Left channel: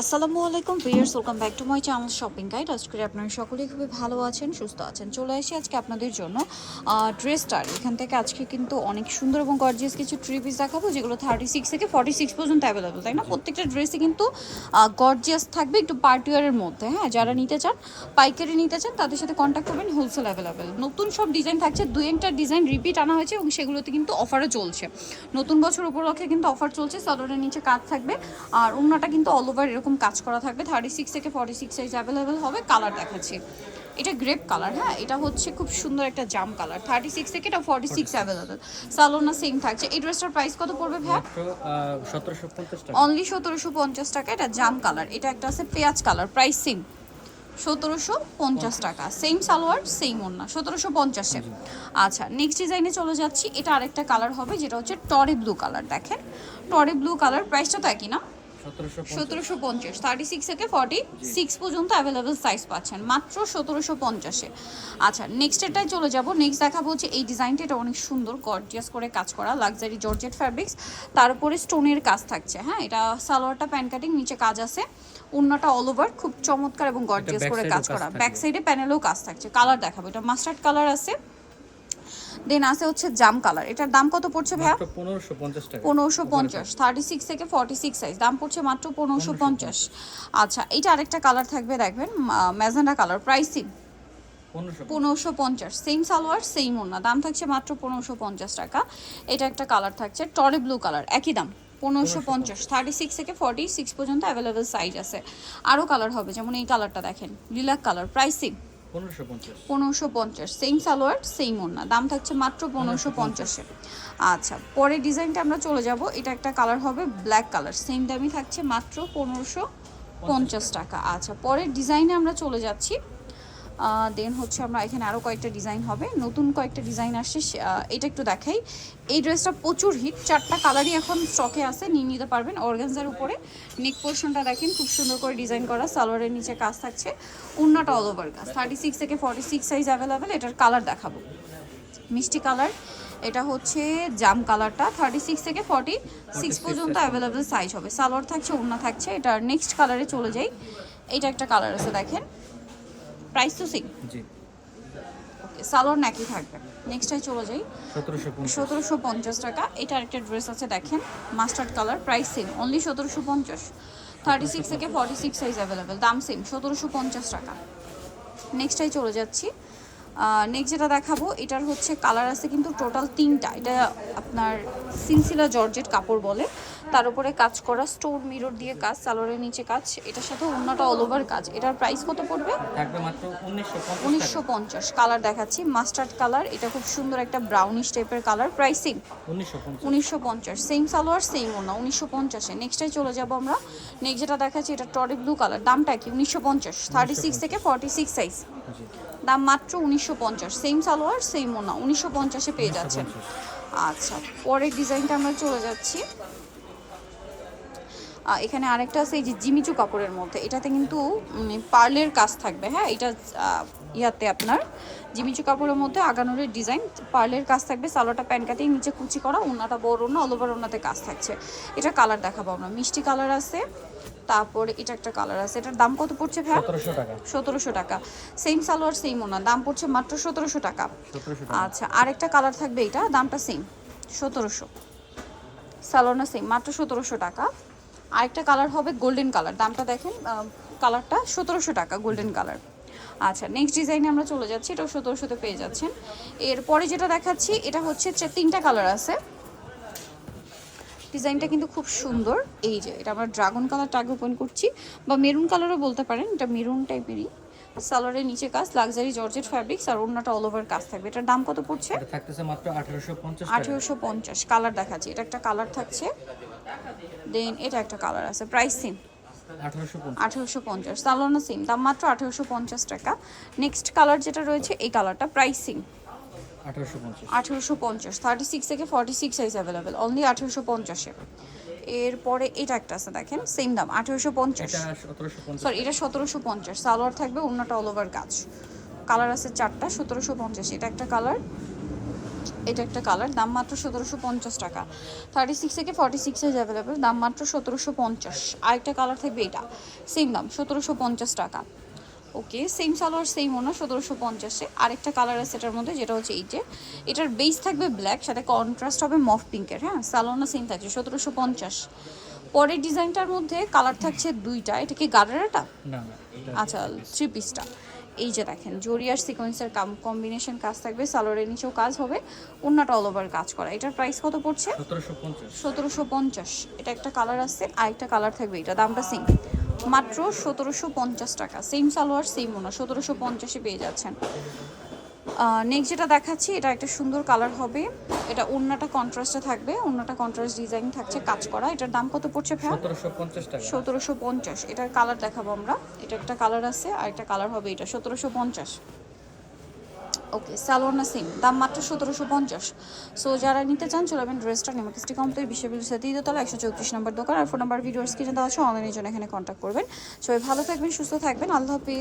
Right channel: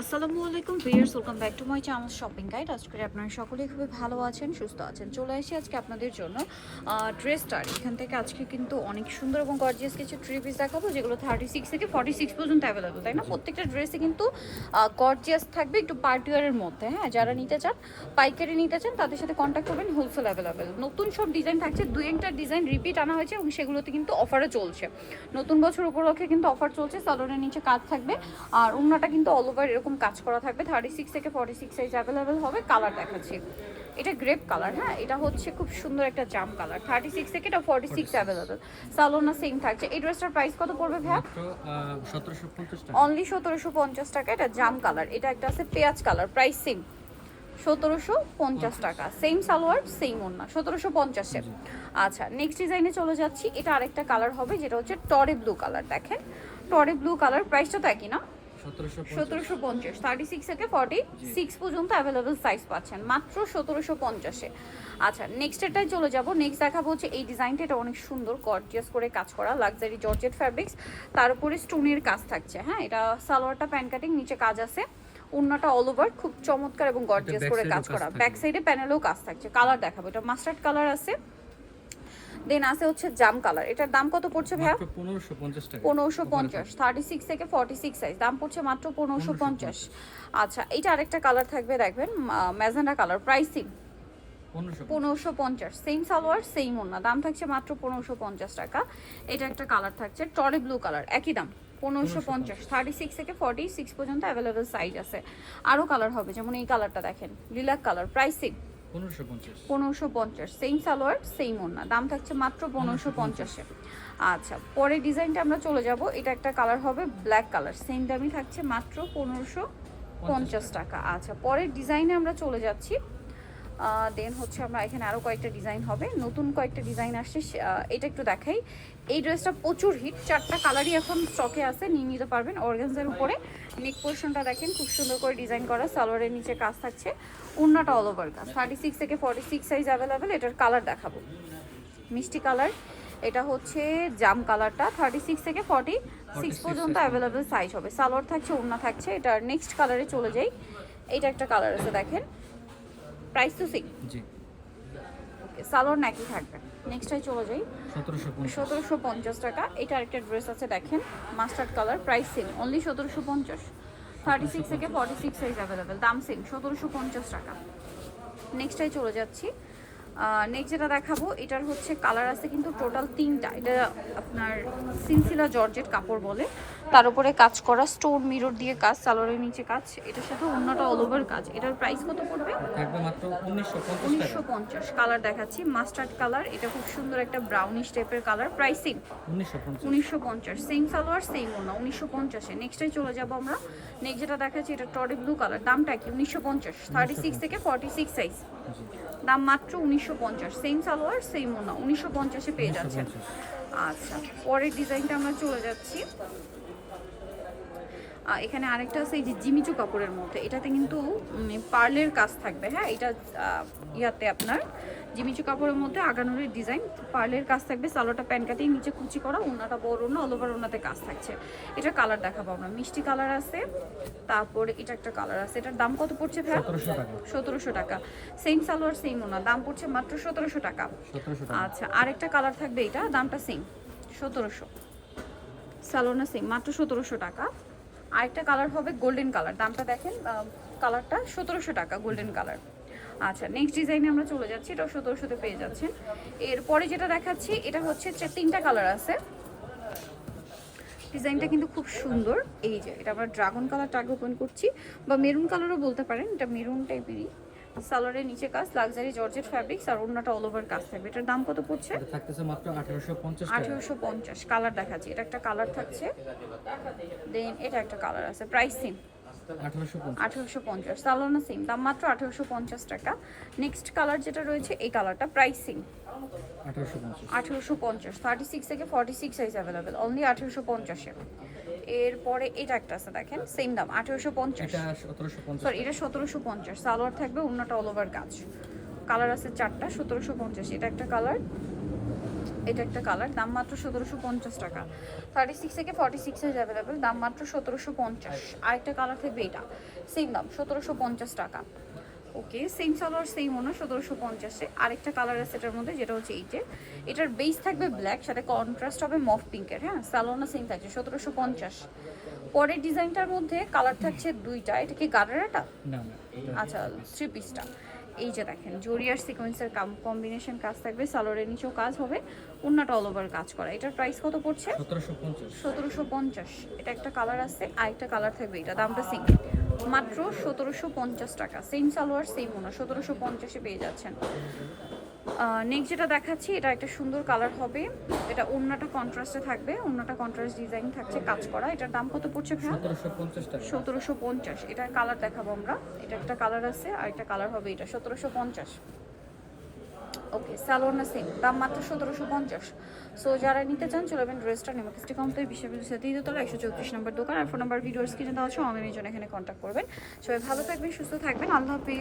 আসসালামু আলাইকুম viewers, welcome back to my channel shopping guide. আজকে করে আপনারা সকলেই খুবই ভালো আছেন, সুস্থ আছেন। চলে আসি আজকে আপনাদের জন্য ড্রেসটার এখান থেকে আজকে কিন্তু অনেক সুন্দর এবং গর্জিয়াস কিছু থ্রি পিস দেখাবো, যেগুলো 36 থেকে 46 পর্যন্ত অ্যাভেলেবল, তাই না? প্রত্যেকটা ড্রেসে কিন্তু গর্জিয়াস থাকবে, একটু পার্টিওয়ারের মধ্যে। হ্যাঁ, যারা নিতে চান, পাইকারি নিতে চান, তাদের সাথে কন্ট্যাক্ট করবেন। Wholesale available. নতুন সব ডিজাইন থাকছে, দু একটা ডিজাইন রিপিট আনা হয়েছে এবং সেগুলোতে কিন্তু অফারও চলছে। নতুন বছর উপলক্ষে কিন্তু অফার চলছে। সালোয়ারের নিচে কাজ থাকবে আর ওড়নাটা কিন্তু অল ওভার এরকম কাজ করা থাকবে। 36 থেকে 46 সাইজ অ্যাভেলেবেল হবে। কালার দেখাচ্ছি, এটা গ্রেপ কালার। হ্যাঁ, এটা হচ্ছে খুব সুন্দর একটা জাম কালার। 36 থেকে এটা 46 অ্যাভেলেবেল। সালোনা সেম থাকছে। এই ড্রেসটার প্রাইস কত পড়বে ভাই? মাত্র 1750 টাকা। অনলি 1750 টাকা। এটা জাম কালার, এটা একটা আছে পেঁয়াজ কালার, প্রাইস সেম 1750 টাকা। সেম সালোয়ার সেম ওড়না, 1750-এ। আচ্ছা, নেক্সট ডিজাইনে চলে যাচ্ছি। এটা আরেকটা কালার হবে, যেটা হচ্ছে টরে ব্লু কালার। দেখেন, টরে ব্লু কালার, প্রাইসটা তো একই না? 1750। 36 থেকে 46 পর্যন্ত অ্যাভেলেবেল সাইজ পাচ্ছেন মাত্র 1750-এ। আচ্ছা, নেক্সট এটাই চলে যাব। নেক্সট দেখাবো হচ্ছে এই ডিজাইনটা। এটা অনেক সুন্দর গর্জিয়াস করে কাজ করা, লাক্সারি জর্জেট ফ্যাব্রিক্স, তার উপরে স্টোনের কাজ থাকছে। হ্যাঁ, এটা সালোয়ারটা প্যান কাটিং, নিচে কাজ আছে, ওড়নাটা অল ওভার খুব চমৎকার এবং গর্জিয়াস করে কাজ করা। ব্যাক সাইডে প্যানেলেও কাজ থাকছে। কালার দেখাবো, এটা মাস্টার্ড কালার আছে, দেন আছে হচ্ছে জাম কালার। এটার দাম কত পড়ছে ভাইয়া? মাত্র 1550 টাকা। 1550। 36 থেকে 46 সাইজ, দাম পড়ছে মাত্র 1550। আচ্ছা, এটা আরেকটা কালার থাকবে, দেখবেন magenta colour, pricing 1550। Same salwar same ওড়না, দাম থাকছে মাত্র 1550 টাকা। এটা একটা কালার থাকছে টরি ব্লু কালার, একই দাম 1550। 36 থেকে 46 পর্যন্ত অ্যাভেলেবেল সাইজ আছে। আরও কালার হবে, যেমন এই কালারটা দেখেন, lilac colour, pricing 1550। Same salwar same ওড়না, দাম থাকছে মাত্র 1550-এ। আচ্ছা, পরের ডিজাইনটা আমরা চলে যাব। এটা একটা কালার হবে ব্ল্যাক কালার, সেম দামই থাকছে মাত্র 1550 টাকা। আচ্ছা, পরের ডিজাইনে আমরা চলে যাচ্ছি। দেন হচ্ছে আমরা এখানে আরও কয়েকটা ডিজাইন হবে, নতুন কয়েকটা ডিজাইন আসছে। এটা একটু দেখাই। এই ড্রেসটা প্রচুর হিট, 4টা কালারই এখন স্টকে আছে, নিয়ে নিতে পারবেন। অর্গানজার উপরে নেক পোর্শনটা দেখেন, খুব সুন্দর করে ডিজাইন করা, সালোয়ারের নিচে কাজ থাকছে, ওড়নাটা অল ওভার কাজ। 36 থেকে 46 সাইজ অ্যাভেলেবেল। এটার কালার দেখাবো, মিষ্টি কালার। এটা হচ্ছে জাম কালারটা। 36 থেকে 46 পর্যন্ত অ্যাভেলেবেল সাইজ হবে। সালোয়ার থাকছে, ওড়না থাকছে। এটার নেক্সট কালারে চলে যাই। এটা একটা কালার আছে, দেখেন, প্রাইস তো সেম। জি, ওকে, সালোয়ার নাকি থাকবে। নেক্সটটাই চলে যাই। 1750। 1750 টাকা। এটা আরেকটা ড্রেস আছে, দেখেন, mustard colour, price same, only 1750। 36 থেকে 46 সাইজ অ্যাভেলেবেল, দাম সেম 1750 টাকা। নেক্সটটাই চলে যাচ্ছি। নেক্সট যেটা দেখাবো, এটার হচ্ছে কালার আছে কিন্তু টোটাল 3টা। এটা আপনার সিলসিলা জর্জেট কাপড় বলে, তার উপরে কাজ করা, স্টোন মিরর দিয়ে কাজ, সালোয়ারের নিচে কাজ, এটার সাথে ওড়নাটা অল ওভার কাজ। এটার প্রাইস কত পড়বে? থাকবে মাত্র 1950 টাকা। 1950। কালার দেখাচ্ছি, মাস্টার্ড কালার, এটা খুব সুন্দর একটা ব্রাউনিশ টাইপের colour, pricing 1950। Same salwar same ওড়না, 1950-এ। নেক্সটটাই চলে যাব আমরা। নেক্সট যেটা দেখাচ্ছি, এটা টরি ব্লু কালার, দামটা কি? 1950। 36 থেকে 46 সাইজ, জি, দাম মাত্র 1950। সেম সালোয়ার সেম ওড়না, 1950-এ পেয়ে যাচ্ছেন। 1950। আচ্ছা, পরের ডিজাইনটা আমরা চলে যাচ্ছি। এখানে আরেকটা আছে, এই যে জিমিচু কাপড়ের মধ্যে, এটাতে কিন্তু পার্লের কাজ থাকবে। হ্যাঁ, এটা ইয়াতে আপনার জিমিচু কাপড়ের মধ্যে আগানোরের ডিজাইন, পার্লের কাজ থাকবে। সালোয়ারটা প্যান কাটিং, নিচে কুচি করা, ওড়নাটা বড় ওড়না, অল ওভার ওড়নাতে কাজ থাকছে। এটা কালার দেখাবো আমরা, মিষ্টি কালার আছে, তারপরে এটা একটা কালার আছে। এটার দাম কত পড়ছে ভাই? 1700 টাকা। 1700 টাকা। সেম সালোয়ার সেম ওড়না, দাম পড়ছে মাত্র 1700 টাকা। 1700 টাকা। আচ্ছা, আরেকটা কালার থাকবে, এটা দামটা সেম 1700। সালোয়ার সেম, মাত্র 1700 টাকা। আরেকটা কালার হবে গোল্ডেন কালার, দামটা দেখেন, কালারটা 1700 টাকা, গোল্ডেন কালার। আচ্ছা, নেক্সট ডিজাইনে আমরা চলে যাচ্ছি। এটাও 1700-তে পেয়ে যাচ্ছেন। এরপরে যেটা দেখাচ্ছি, এটা হচ্ছে 3টা কালার আছে। ডিজাইনটা কিন্তু খুব সুন্দর। এই যে এটা আমরা ড্রাগন কালারটা আগে ওপেন করছি, বা মেরুন কালারও বলতে পারেন, এটা মেরুন টাইপেরই। সালোয়ারের নিচে কাজ, লাক্সারি জর্জেট ফ্যাব্রিক্স, আর ওড়নাটা অল ওভার কাজ থাকবে। এটার দাম কত পড়ছে? এটা থাকতেছে মাত্র 1850 টাকা। 1850। কালার দেখাচ্ছি, এটা একটা কালার থাকছে, দেন এটা একটা কালার আছে, প্রাইস সেম 1850। 1850। সালোনা সেম, দাম মাত্র 1850 টাকা। নেক্সট কালার যেটা রয়েছে, এই কালারটা, প্রাইস সেম 1850। 1850। 36 থেকে 46 সাইজ অ্যাভেলেবেল, অনলি 1850-এ। এরপরে এটা একটা আছে, দেখেন, সেম দাম 1850। এটা 1750। সরি, এটা 1750। সালোয়ার থাকবে, ওড়নাটা অল ওভার কাজ। কালার আছে 4টা, 1750। এটা একটা কালার, এটা একটা কালার, দাম মাত্র 1750 টাকা। 36 থেকে 46 সাইজ অ্যাভেলেবেল, দাম মাত্র 1750। আরেকটা কালার থাকবে এটা, সেম দাম 1750 টাকা। ওকে, সেম সালোয়ার সেম ওনা 1750-এ। আরেকটা কালার আছে এটার মধ্যে, যেটা হচ্ছে এই যে এটার বেস থাকবে ব্ল্যাক, সাথে কন্ট্রাস্ট হবে মফ পিঙ্কের। হ্যাঁ, সালোয়ারটা সেম থাকছে 1750। পরের ডিজাইনটার মধ্যে কালার থাকছে দুইটা। এটা কি গার্ডারটা? না না এটা আচ্ছা, 3 পিসটা। এই যে দেখেন জরি আর সিকোয়েন্সের কম্বিনেশন কাজ থাকবে, সালোয়ারের নিচেও কাজ হবে, ওন্নাটা অল ওভার কাজ করা। এটার প্রাইস কত পড়ছে? 1750। 1750। এটা একটা কালার আছে, আরেকটা কালার থাকবে, এটা দামটা সেম, মাত্র 1750 টাকা। সেম সালোয়ার সেম ওনা, 1750-এ পেয়ে যাচ্ছেন। নেক্সট যেটা দেখাচ্ছি, এটা একটা সুন্দর কালার হবে। এটা ওন্নাটা কন্ট্রাস্টে থাকবে, ওন্নাটা কন্ট্রাস্ট ডিজাইন থাকছে কাজ করা। এটার দাম কত পড়ছে ভাই? 1750 টাকা। 1750। এটার কালার দেখাবো আমরা। এটা একটা কালার আছে, আর একটা কালার হবে এটা 1750। ওকে, সালোয়ার সেম, দাম মাত্র 1750। সো যারা নিতে চান চলে যাবেন ড্রেসটা নেমাকিস্টি কমপ্লেক্স বিশ্ববিদ্যালয়ের সাথে দ্বিতীয়তলা 134 নম্বর দোকান। আর ফোন নাম্বার ভিডিওস কিনে দেওয়া আছে, অনলাইনের জন্য এখানে কন্ট্যাক্ট করবেন। সবাই ভালো থাকবেন, সুস্থ থাকবেন, আল্লাহ হাফেজ।